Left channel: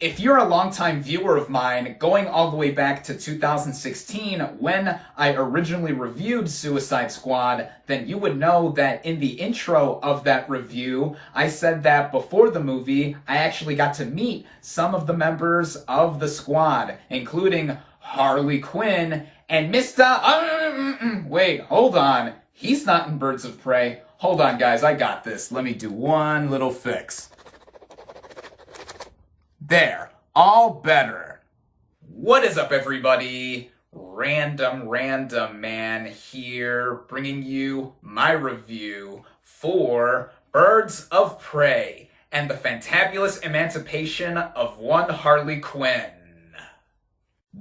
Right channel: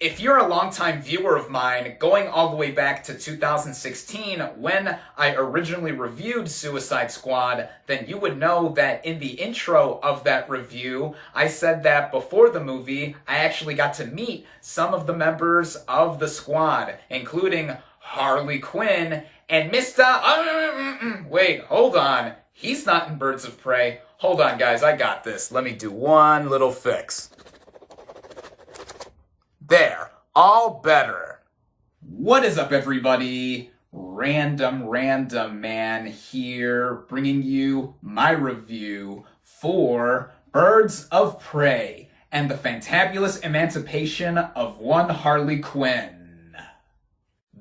If you're a longtime viewer of mine, going all the way back to 2016 when I originally reviewed Suicide Squad, then you would know that in the intro of that review, I said that before the movie, I actually got to meet some of the members of the squad, including Harley Quinn and Mr. Wait, hold on. He's not in Birds of Prey. Hold on, guys, I got this. Let me do one little fix. There, all better. What is up, everybody? Random Man here, bringing you my review for Birds of Prey and the Fantabulous Emancipation of one Harley Quinn.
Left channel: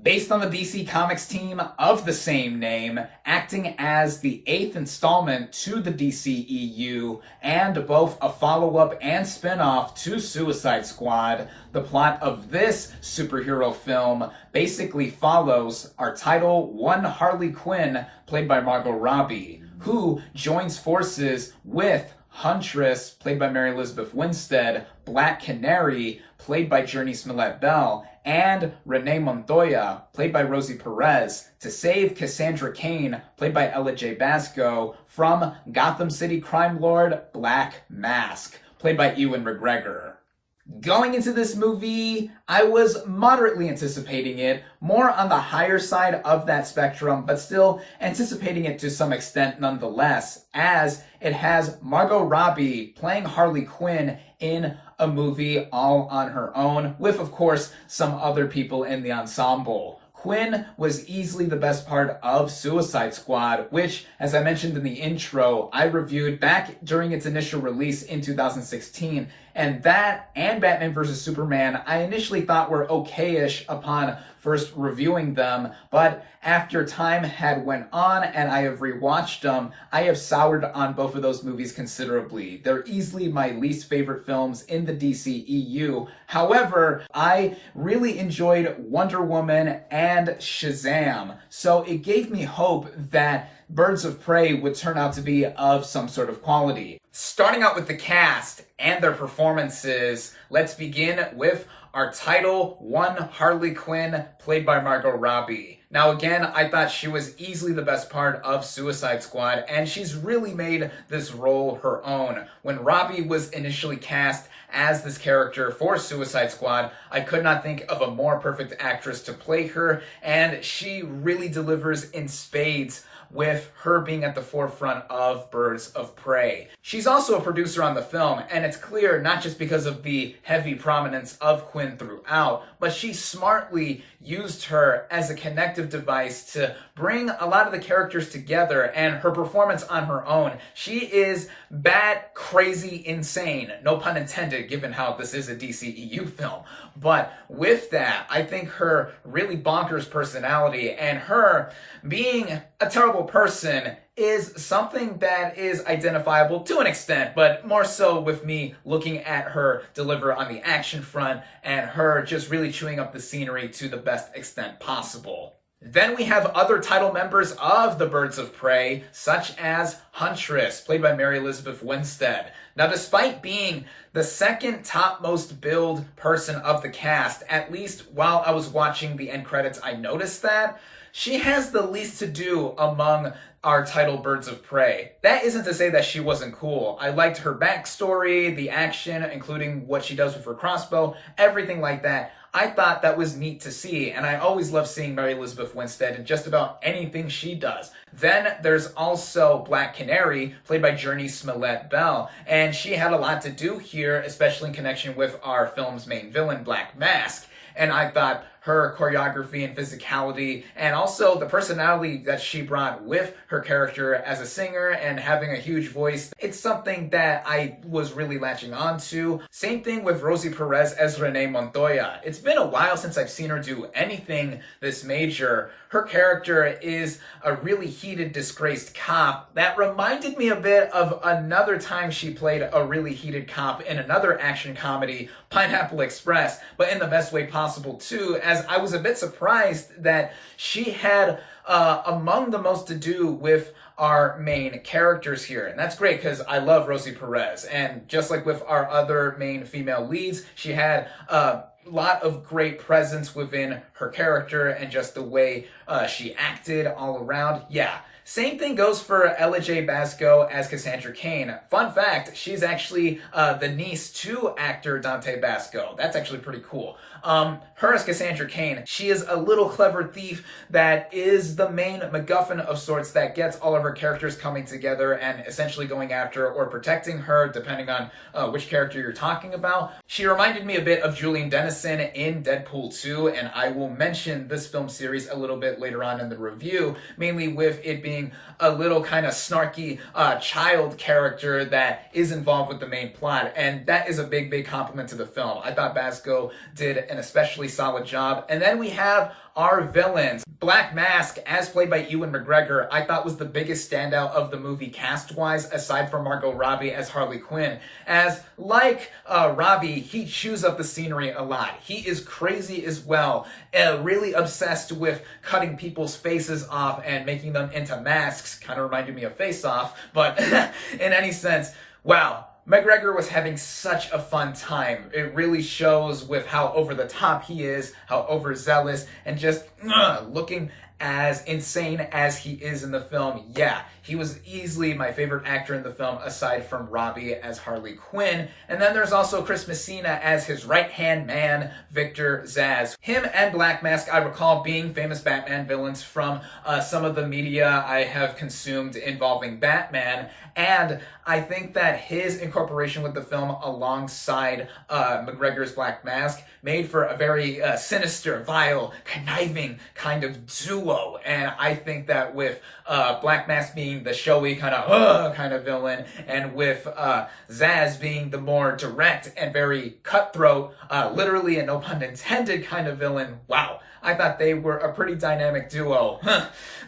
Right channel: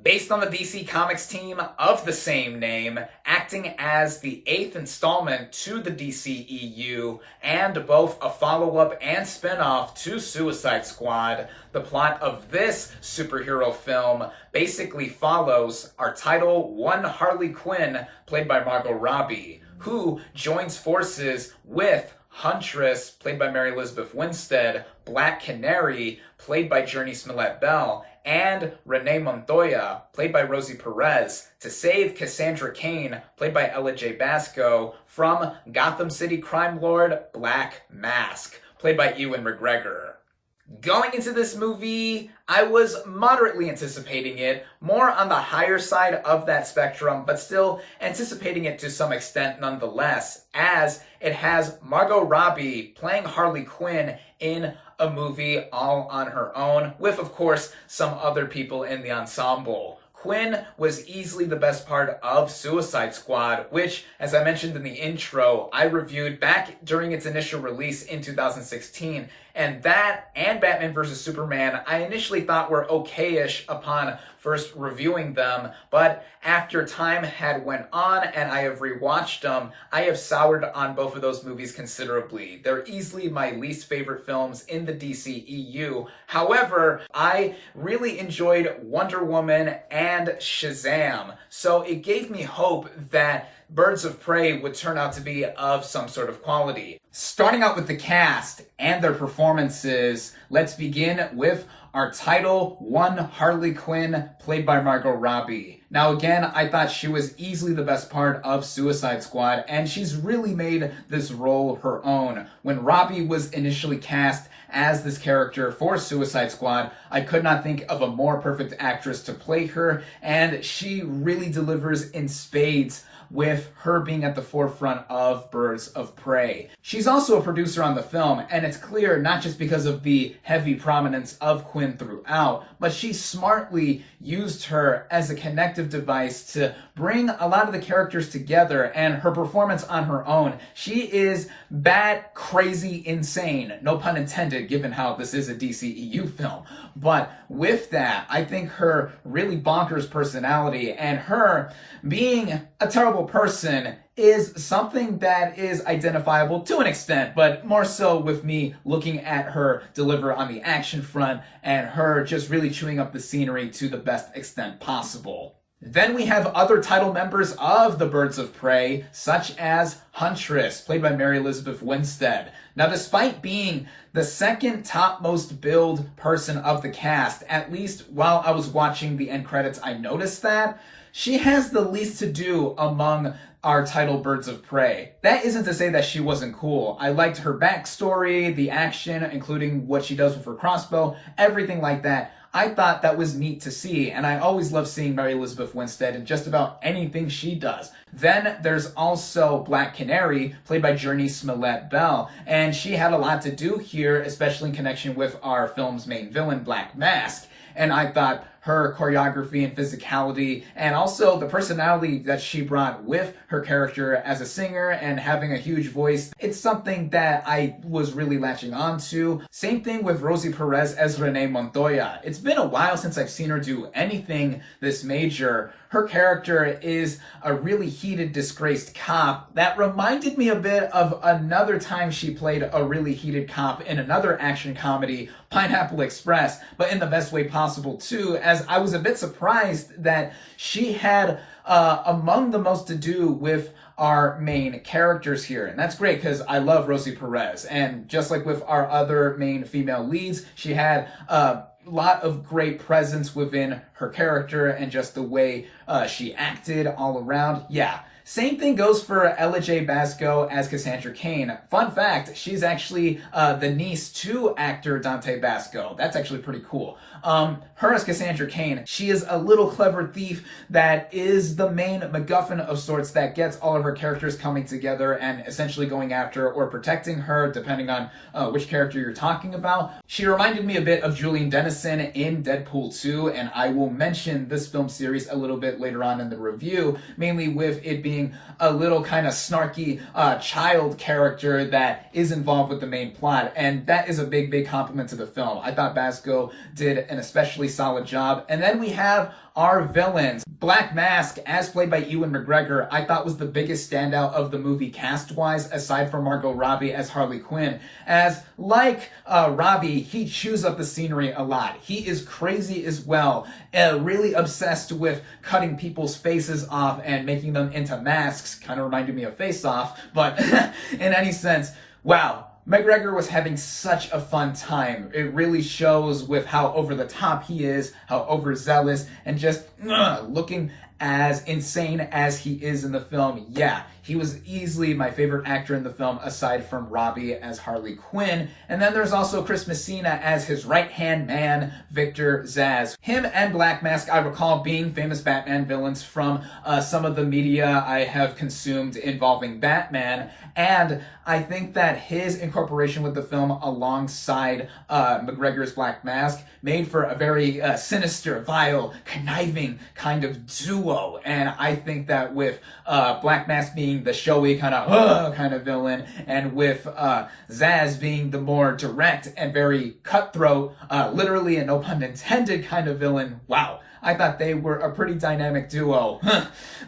Based on the DC Comics team of the same name, acting as the 8th installment to the DCEU, and both a follow-up and spin-off to Suicide Squad, the plot of this superhero film basically follows our title, one Harley Quinn, played by Margot Robbie, who joins forces with Huntress, played by Mary Elizabeth Winstead, Black Canary, played by Jurnee Smollett-Bell, and Renee Montoya, played by Rosie Perez, to save Cassandra Cain, played by Ella J. Basco, from Gotham City crime lord Black Mask, played by Ewan McGregor. Going into this movie, I was moderately anticipating it, more on the higher side of that spectrum, but still anticipating it to some extent nonetheless, as it has Margot Robbie playing Harley Quinn in a movie all on her own, with, of course, some other people in the ensemble. Quinn was easily the best part of Suicide Squad, which, as I mentioned in the intro, I reviewed back during its initial release in 2016, and that and Batman vs. Superman I initially thought were okay-ish upon first reviewing them, but after time had went on and I have rewatched them, I have soured on both of those movies considerably. They're easily my least favorite films in the DCEU. However, I really enjoyed Wonder Woman and Shazam, so it gave me hope that Birds of Prey would turn out to be of some sort of quality. Starting out with the cast and their performances, let's begin with our title, one Harley Quinn, played by Margot Robbie. Now again, I thought she was easily the best part of Suicide Squad, and she's really made this role her own. When Robbie was initially cast as this character for Suicide Squad, I could not think of a more perfect actress to play her, and she really delivers in spades with her being at the forefront of Birds of Prey. She's also a producer on the film, and it's clear not just because of the heavy prominence of Quinn throughout, but she smartly used her as a connective device to bring a lot of the characters together, and her performance on her own, she is bat crazy insane, no pun intended given how this is a DCEU film. But with that, I think her really bonkers personality and her being a terrible person is something that is identifiable to an extent, but more so with me looking at her deliver on the action front and her just really chewing up the scenery to the best extent possible. Then we have other title members of the Birds of Prey, such as Huntress, played by Mary Elizabeth Winstead. Now, despite being the second topmost billed person of the cast, at least while I was watching the end credits, I noticed that she has the least to do among our title Birds of Prey. That isn't to say that she wasn't cool. I liked her backstory, the action, including what she does with her crossbow, everything like that. I thought that was neat to see, and I always love seeing Mary Elizabeth Winstead in just about anything she does. Then there's also Black Canary, played by Jurnee Smollett-Bell, and she had a lot to do here, especially in connection with our film's main villain, Black Mask. And I thought her choreography and physicality, and also the personality that she brought with her character as a singer and having a huge voice, it's something that I was really latching on to. Same thing with Rosie Perez as Renee Montoya. It's been a while since I've seen her do anything this major. Her character is a really heated, disgraced cop that reminded me a bit of another time she played a really heated cop in another action comedy, Pineapple Express, but in the best way possible too, as I was a bit surprised that she had among the most to do with our main characters here. And that's great because I love Rosie Perez. And just like with our other main female leads, she had lot of great presence within her character and just the way she acted all around. Yeah. Same thing goes for Ella J. Basco as Cassandra Cain. Fun fact, she's actually the niece to actor Dante Basco. That's actually pretty cool. Her as Cassandra Cain, she is a little clever thief that is the main MacGuffin of sorts that gets all of her characters coming together and essentially going after or protecting her, depending on which character you're talking about. She reminded me a bit of Julian Dennison in Deadpool 2, and I will mention this film series a little bit later on in the review, mainly with it being a little kind of snarky child character that is involved with the main plot, and that is a big compliment to the film. I thought Basco did an especially solid job. And then we have our villains. Black Mask, as played by Ewan McGregor, I thought was the biggest standout of the movie cast-wise, aside from Margot Robbie as Harley Quinn. As, like Robbie, he chews up the scenery a lot. He is crazy as well, really obsessed with cutting people's faces off and making them into masks. Kind of reminded me of Face Off, but in any sense, wow. McGregor was having such a fun time. It really shows with how over the top he is, how overzealous, and just looking as insane as he is in the film. Yeah, he was easily my favorite actor in the film aside from Robbie as Harley Quinn. And then there's also Chris Messina as his right-hand man, Victor Zsasz. Him and Black Mask, I recall being famous Batman villains from some of the media I have consumed involving Batman. And I think that his incorporation with the film alongside McGregor's Black Mask made for a very sinister, vile, conniving kind of duo. And I think that with Black Mask being the showy kind of villain, and with Zsasz being the more direct and very cutthroat, literally and no pun intended kind of villain, wow. I thought they were a pretty dynamic duo.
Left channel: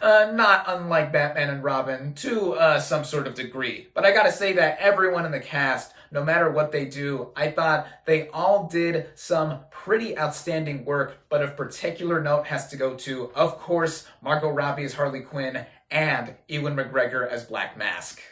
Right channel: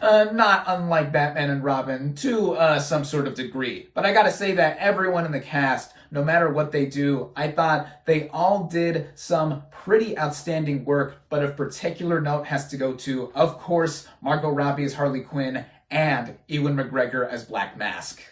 Not unlike Batman and Robin to some sort of degree. But I gotta say that everyone in the cast, no matter what they do, I thought they all did some pretty outstanding work, but of particular note has to go to, of course, Margot Robbie as Harley Quinn and Ewan McGregor as Black Mask.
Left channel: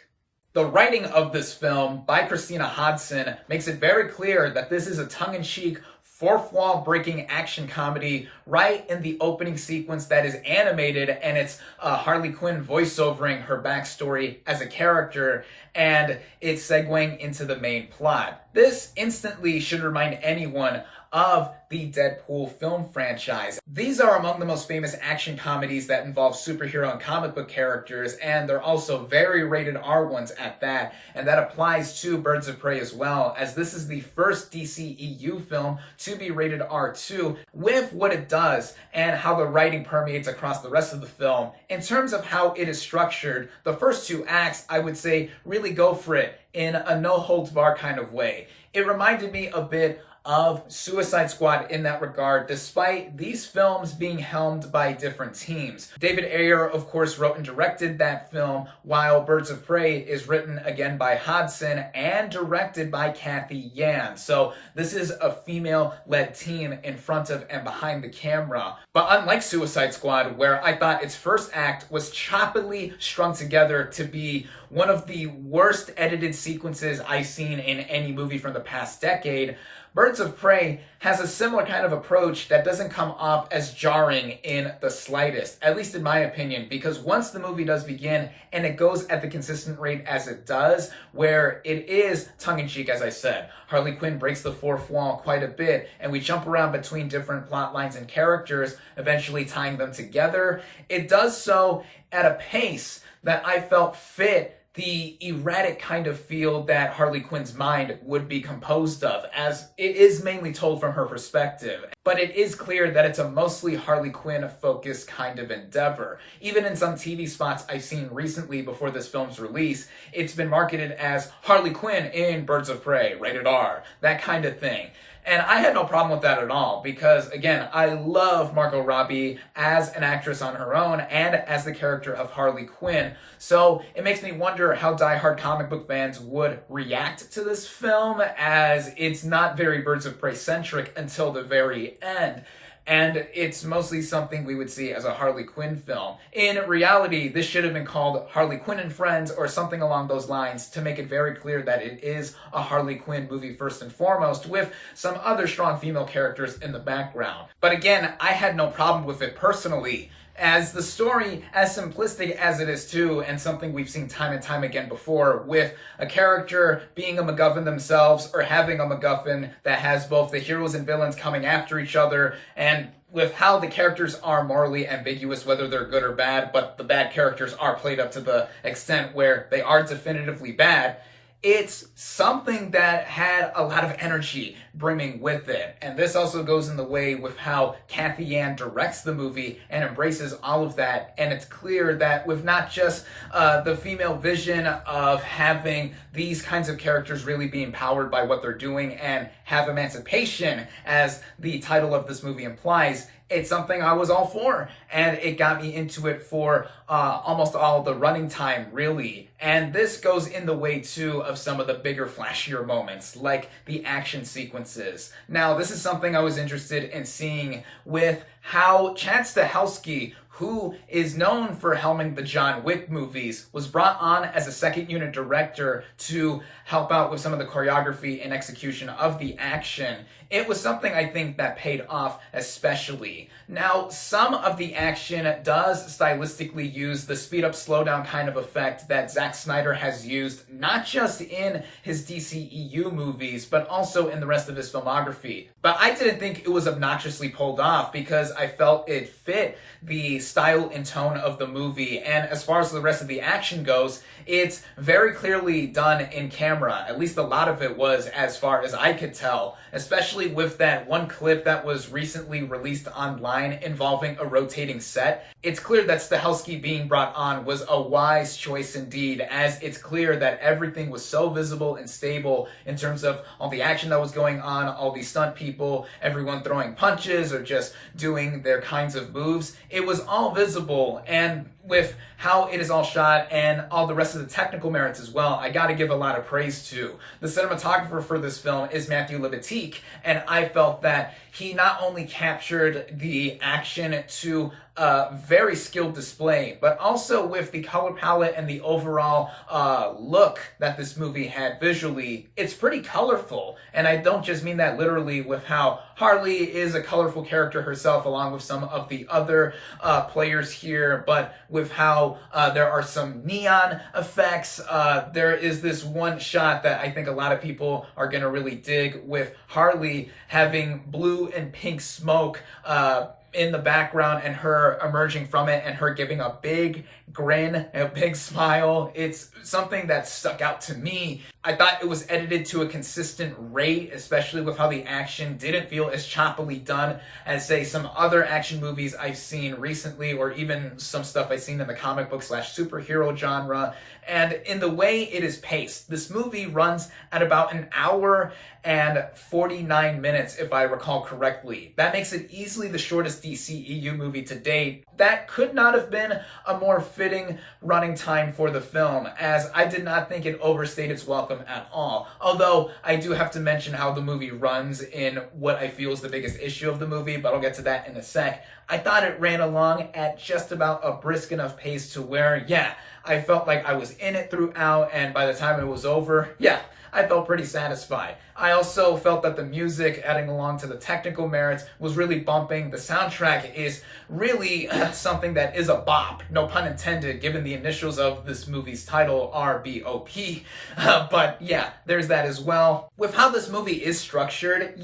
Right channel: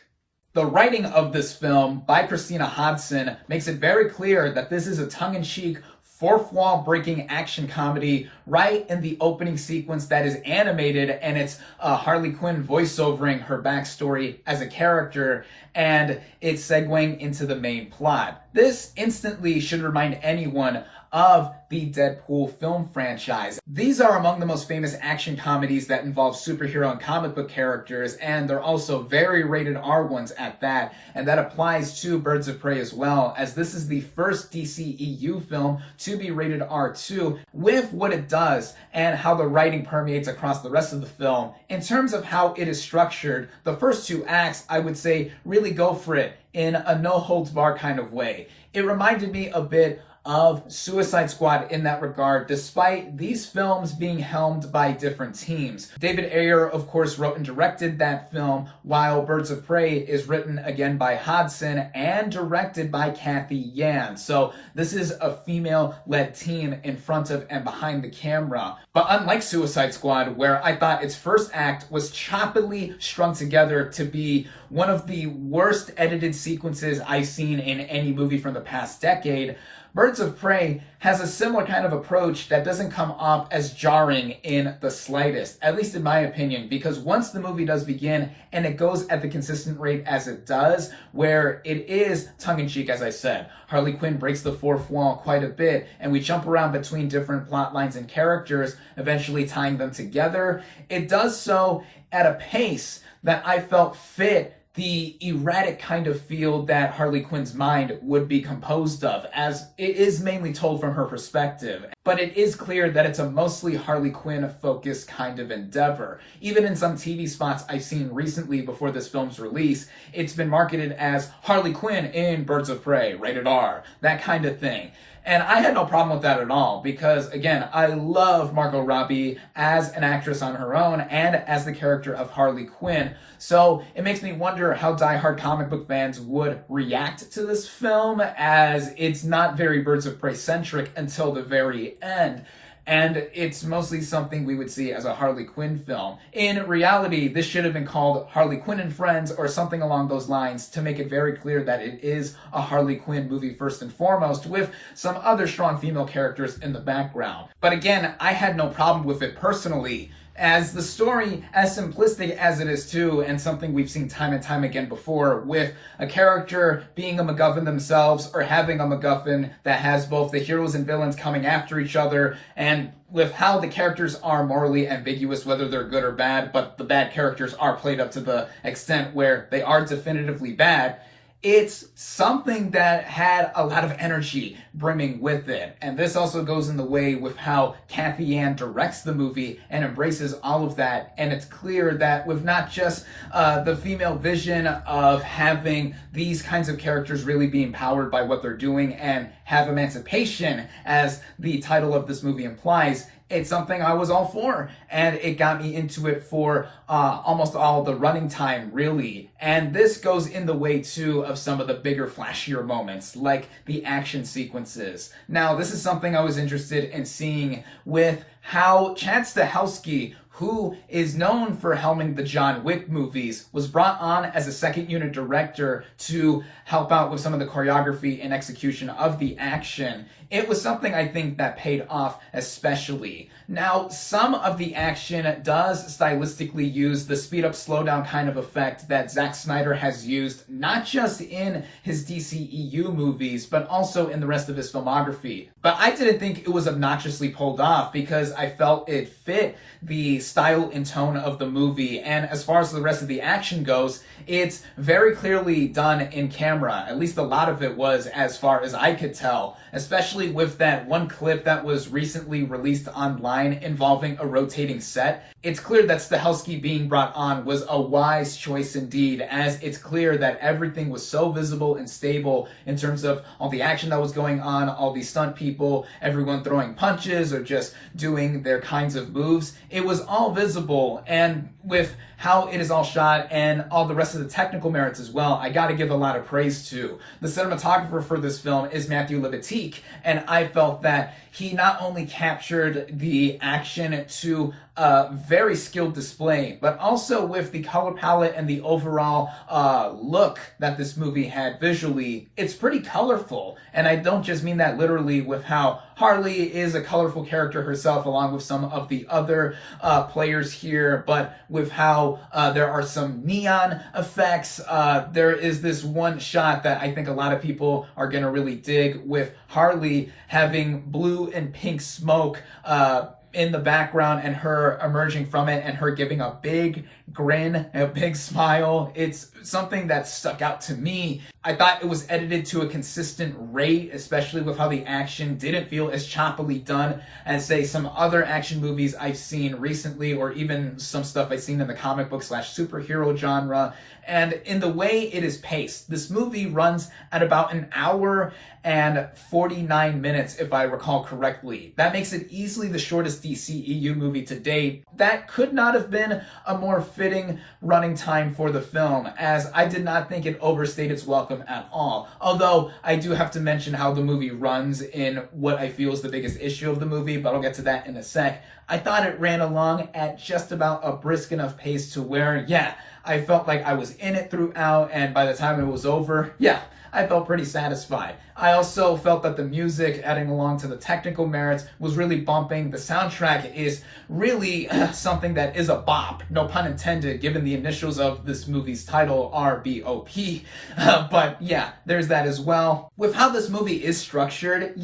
The writing of this film by Christina Hodson makes it very clear that this is a tongue-in-cheek, fourth wall breaking action comedy right in the opening sequence that is animated, and it's Harley Quinn voiceovering her backstory as a character, and it's segueing into the main plot. This instantly should remind anyone of the Deadpool film franchise. These are among the most famous action comedies that involve superhero and comic book characters, and they're also very rated R ones at that, and that applies to Birds of Prey as well, as this is the first DCEU film to be rated R2. With what it does and how the writing permeates across the rest of the film, in terms of how it is structured, the first two acts, I would say, really go for it in a no-holds-barred kind of way. It reminded me a bit of Suicide Squad in that regard, despite these films being helmed by different teams. David Ayer, of course, wrote and directed that film, while Birds of Prey is written again by Hodson and directed by Kathy Yan. So this is a female-led team in front of and behind the camera. But unlike Suicide Squad, where I thought its first act was choppily strung together to be one of the worst edited sequences I've seen in any movie from the past decade, Birds of Prey has a similar kind of approach that doesn't come off as jarring in the slightest, at least in my opinion, because once the movie does begin and it goes at the consistent rate as it does, where it is tongue-in-cheek, as I said, Harley Quinn breaks the fourth wall quite a bit, and we jump around between different plot lines and characters, eventually tying them together. It does so at a pace that I felt fit the erratic kind of feel that Harley Quinn's mind would be composed of, as it is mainly told from her perspective. But it is clear that it's a mostly Harley Quinn-focused kind of endeavor. Even in some TV spots I've seen recently before this film's release, it's been marketed as Harley Quinn in Birds of Prey, rated R, that kind of thing. And I had no problem with that at all, because, again, I love Margot Robbie as an actress on her own and as the character of Harley Quinn. So it makes me wonder how diehard comic book fans would react to this film, as it's not very Birds of Prey-centric until the very end. and it's mostly something we would see as a Harley Quinn film. In reality, this should have been called Harley Quinn and Friends or something along those lines to make it very clear that it is a Harley Quinn movie first and foremost, with some other strong female characters in the background. But again, I had no problem with it personally, as the story, as simplistic as it is too, and something we've seen time and time again before, with a character being a MacGuffin themselves, or having a MacGuffin that has both the heroes and villains coming after each other, and with how the characters are morally ambiguous, whether they're good or bad, but the bad characters are played up to the extent where they are definitively bad. It's something that had a lot of energy brimming with it. And this also goes in the way with how Cathy Yan directs the movie and embraces all of that. And it's clear that with not just the female vision of having these kinds of characters really be empowered by what they're doing and have emancipation, as the title of this movie implies, it's something I was all for, and it got me into it for almost all the running time, really. And this goes in the way, too, of some of the bigger, flashier moments, like the action sequences. Now, this is something I was interested in seeing with how Chad Stahelski, who is known for helming the John Wick movies, was brought on as a second unit director to help out with some of the choreography and execution of the action. It was something I think that paid off especially. Now, some of the action does stylistically use the speed up, slow down kind of effect that Zack Snyder has used, not just in his DCEU movies, but also in the rest of his filmography. But I didn't think it was obnoxiously pulled off, because I felt it fit the style and tone of the movie. And as far as the rest of the action goes, it's very clearly done in camera. At least a lot of it was, as far as I could tell, especially with that one clip that was recently released online involving a rotating set. It's clear that Stahelski being brought on was a wise choice indeed, as it's clear that everything was so visible and stable in terms of all the action that was going on, all the stunt people, everyone throwing punches or just doing their kinds of moves. It was all visible, and with how it is all shot and all the rest of the technical merits as well, I gotta give a lot of praise to. The cinematographer for this film is Matthew Libatique, and I felt that he not only captured the action to a very skilled display, but also with the color palette and the overall look that this movie had visually. It's pretty colorful, and I don't just mean that literally with how Harley is a colorful character herself along with some of the other players here, but with how there are some neon effects. There is this one shot that I think a lot of people are going to really dig, with Harley having blue and pink smoke in the background and her emerging from it and her giving a big grin and a big smile. It's something that stuck out to me. I thought it was edited to a consistent rate, especially with how the action didn't feel as choppily done as, say, some other action movies I've seen recently, or even some stuff I've seen in the comic book / superhero genre. And in the way it is paced, this movie runs at about an hour and 49 minutes, if I recall correctly. That makes it easily the shortest DCEU movie to date. That could not have been a more fitting running time for the film, as I did not think it overstayed its welcome at all. Although I do have to mention how the movie runs in what I feel is the biggest issue of the movie, but I'll get to that in a sec. I thought it ran along at just about a brisk enough pace to where, I felt like I was in it throughout, and by the time it was over, I felt pretty satisfied. I also felt that the music, adding along to the technical merits, was really bumping. The soundtrack is really something that is a bop, no pun intended, given the initials of this movie's title, RBOP. But there's that as well. With how this movie is structured,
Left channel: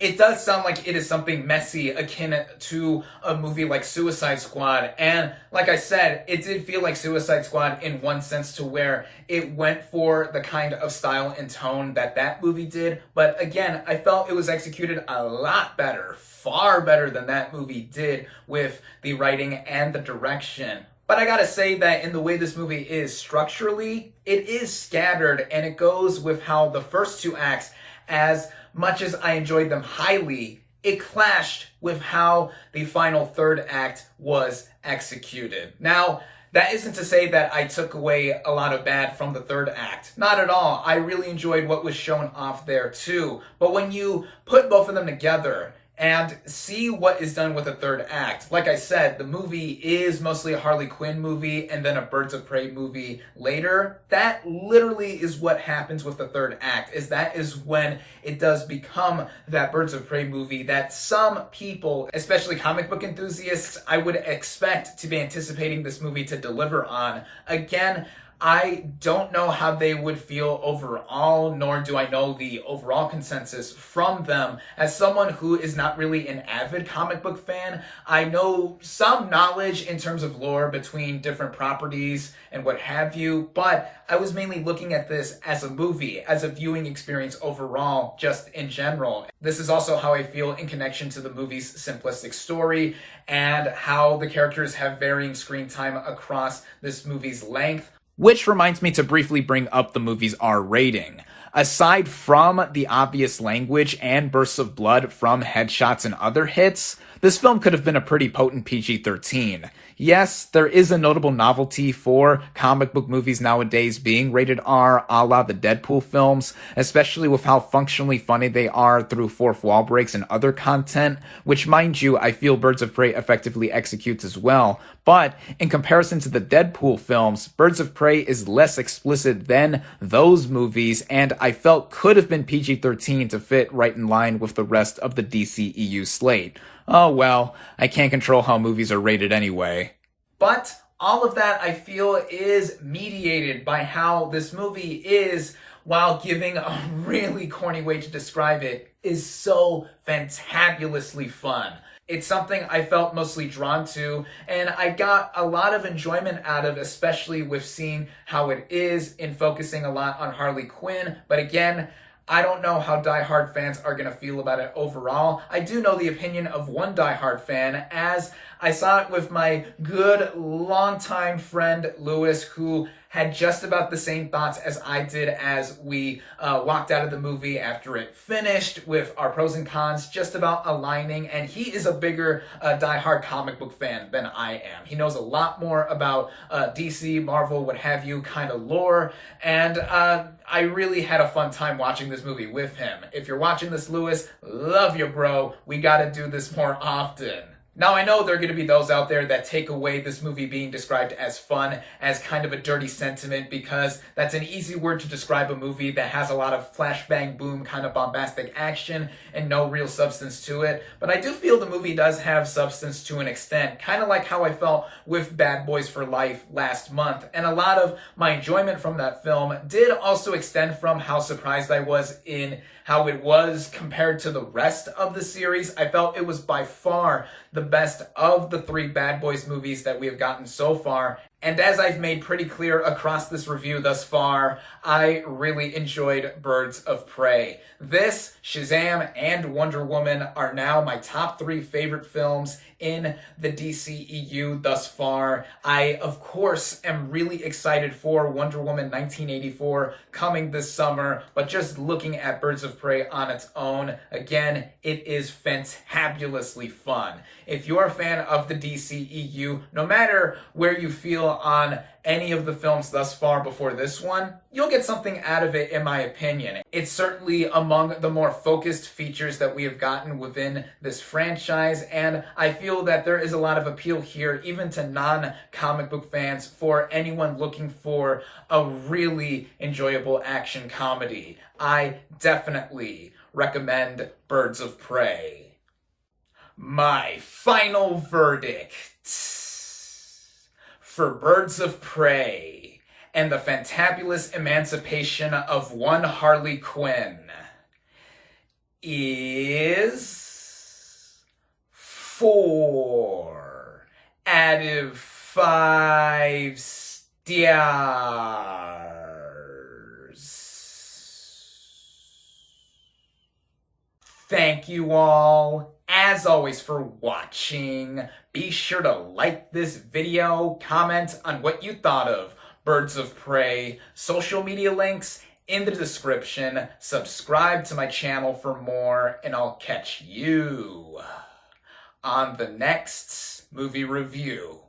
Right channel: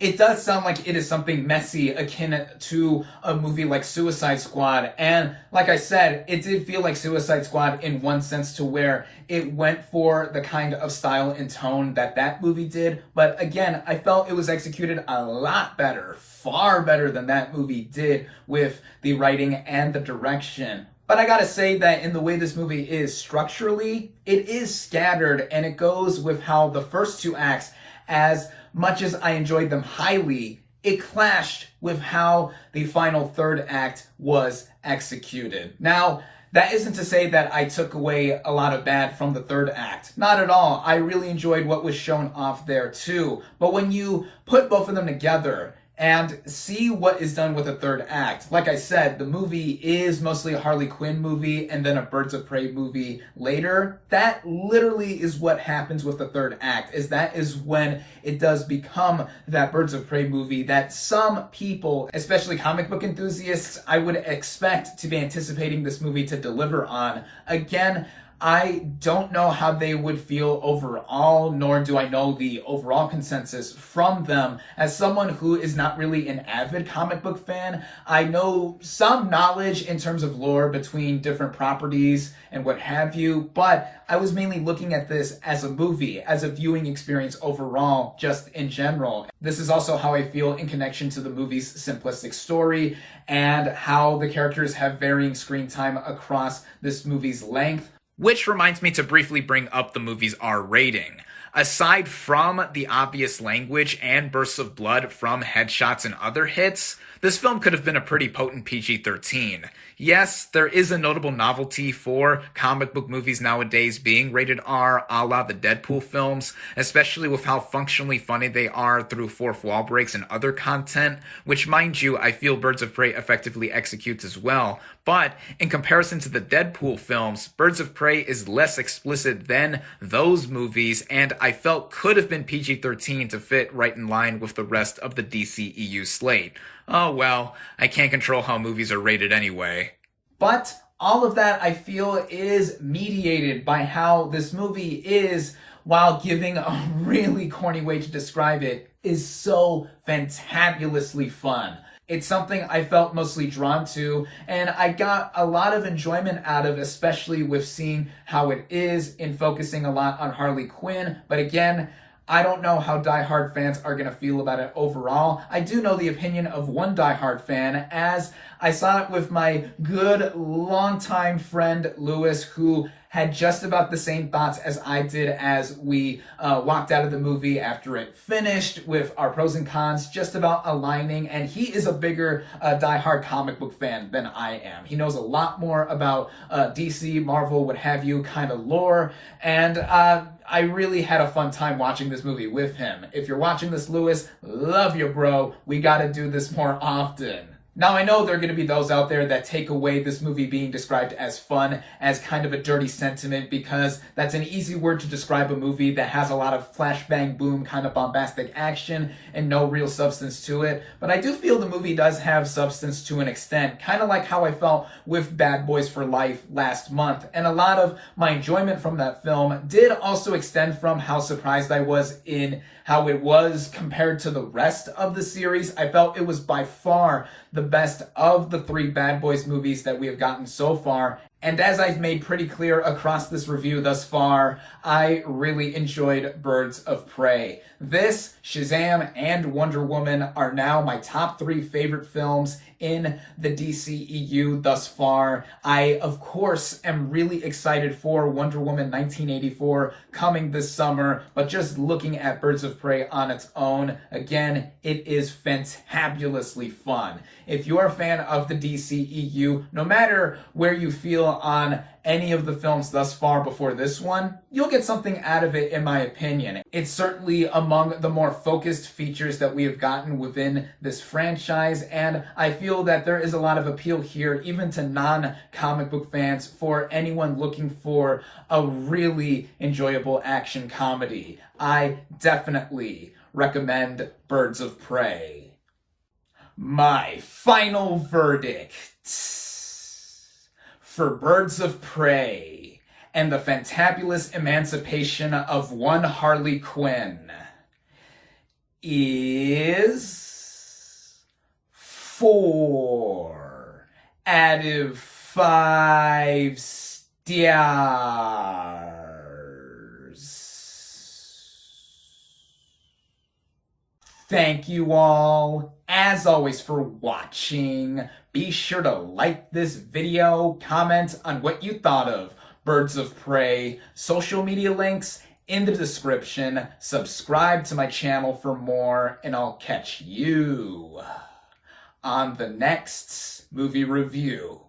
it does sound like it is something messy, akin to a movie like Suicide Squad. And like I said, it did feel like Suicide Squad in one sense, to where it went for the kind of style and tone that movie did. But again, I felt it was executed a lot better, far better than that movie did, with the writing and the direction. But I gotta say that in the way this movie is structurally, it is scattered, and it goes with how the first two acts, as much as I enjoyed them highly, it clashed with how the final third act was executed. Now, that isn't to say that I took away a lot of bad from the third act. Not at all. I really enjoyed what was shown off there too. But when you put both of them together, and see what is done with the third act. Like I said, the movie is mostly a Harley Quinn movie and then a Birds of Prey movie later. That literally is what happens with the third act, that is when it does become that Birds of Prey movie that some people, especially comic book enthusiasts, I would expect to be anticipating this movie to deliver on. Again, I don't know how they would feel overall, nor do I know the overall consensus from them. As someone who is not really an avid comic book fan, I know some knowledge in terms of lore between different properties and what have you, but I was mainly looking at this as a movie, as a viewing experience overall, just in general. This is also how I feel in connection to the movie's simplistic story and how the characters have varying screen time across this movie's length. Which reminds me to briefly bring up the movie's R rating. Aside from the obvious language and bursts of blood from headshots and other hits, this film could have been a pretty potent PG-13. Yes, there is a notable novelty for comic book movies nowadays being rated R, a la the Deadpool films, especially with how functionally funny they are through fourth wall breaks and other content, which, mind you, I feel Birds of Prey effectively executes as well. But in comparison to the Deadpool films, Birds of Prey is less explicit than those movies, and I felt could have been PG-13 to fit right in line with the rest of the DCEU slate. Oh well, I can't control how movies are rated anyway. But all of that, I feel, is mediated by how this movie is, while giving a really corny way to describe it, is so fantabulously fun. It's something I felt mostly drawn to, and I got a lot of enjoyment out of, especially with seeing how it is in focusing a lot on Harley Quinn. But again, I don't know how diehard fans are going to feel about it overall. I do know the opinion of one diehard fan, as I saw it with my good longtime friend Lewis, who had just about the same thoughts as I did as we walked out of the movie after it finished, with our pros and cons just about aligning. And he is a bigger diehard comic book fan than I am. He knows a lot more about DC, Marvel, what have you, kind of lore. And I really had a fun time watching this movie with him. If you're watching this, Lewis, love you, bro. We gotta do this more often. Now, I know there are going to be those out there that take away this movie being described as fun as kind of a dirty sentiment, because that's an easy word to describe a movie that has a lot of flash bang boom kind of bombastic action and no real substance to it. But I do feel the movie does have substance to an extent, kind of like how I felt with Bad Boys for Life last month. And a lot of my enjoyment from that film did also extend from how surprised I was in how it was compared to the rest of the series. I felt it was by far the best of the three Bad Boys movies that we have gotten so far. And as I've made pretty clear across this review thus far, I really enjoyed Birds of Prey. This, Shazam, and Wonder Woman are now my top 3 favorite films in the DCEU thus far. I, of course, am really excited for Wonder Woman 1984 coming this summer, but just looking at Birds of Prey on its own, again, it is fantabulously fun. If you're a fan of the DCEU, no matter where you feel on any of the films thus far before this one, you'll get something out of it, in my opinion. It's certainly among the more focused features that we have gotten within this franchise, and I feel that there is a lot of appeal here, even to non-comic book fans, for anyone looking for a really enjoyable action comedy. I definitely recommend Birds of Prey. My final verdict for Birds of Prey and the Fantabulous Emancipation of one Harley Quinn is 4 out of 5 stars. Thank you all, as always, for watching. Be sure to like this video, comment on what you thought of Birds of Prey, social media links in the description, subscribe to my channel for more, and I'll catch you on the next movie review.